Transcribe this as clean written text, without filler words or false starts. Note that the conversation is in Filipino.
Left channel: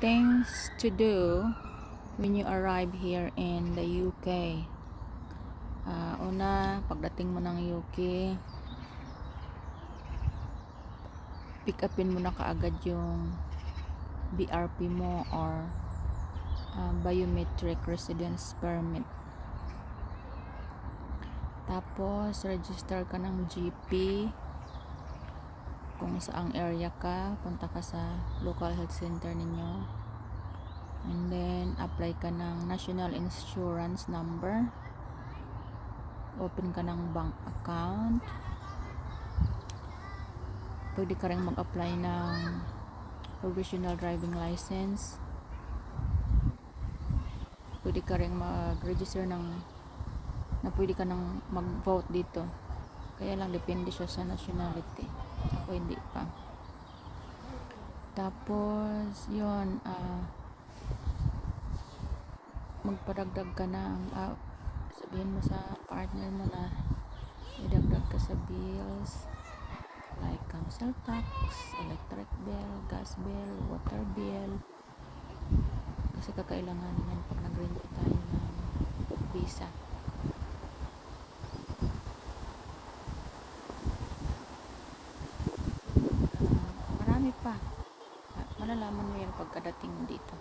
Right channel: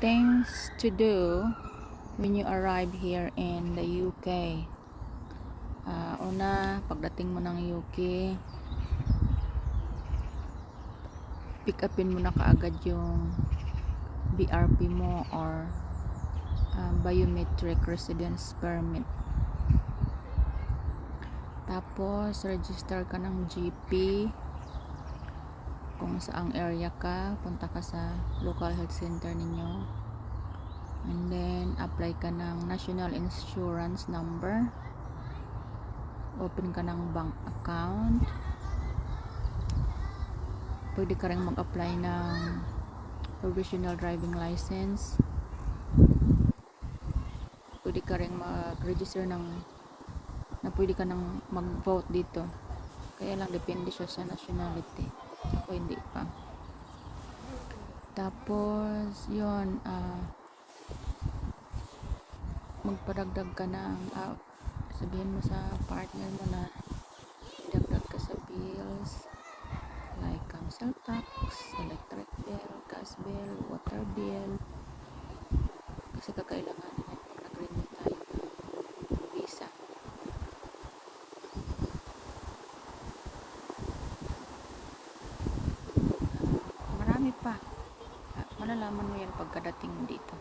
things to do when you arrive here in the UK. Una, pagdating mo ng UK, pick upin mo na kaagad yung BRP mo or biometric residence permit. Tapos register ka ng GP kung saang area ka, punta ka sa local health center ninyo, and then apply ka ng national insurance number, open ka ng bank account, pwede ka rin mag-apply ng provisional driving license, pwede ka rin mag-register ng na pwede ka nang mag-vote dito. Kaya lang depende siya sa nationality. Ako hindi pa. Tapos yun, magpadagdag ka ng sabihin mo sa partner mo na idagdag ka sa bills like council tax, electric bill, gas bill, water bill, kasi kakailangan yan pag nag-renew tayo ng visa. Marami pa. Malalaman mo yan pagkadating dito.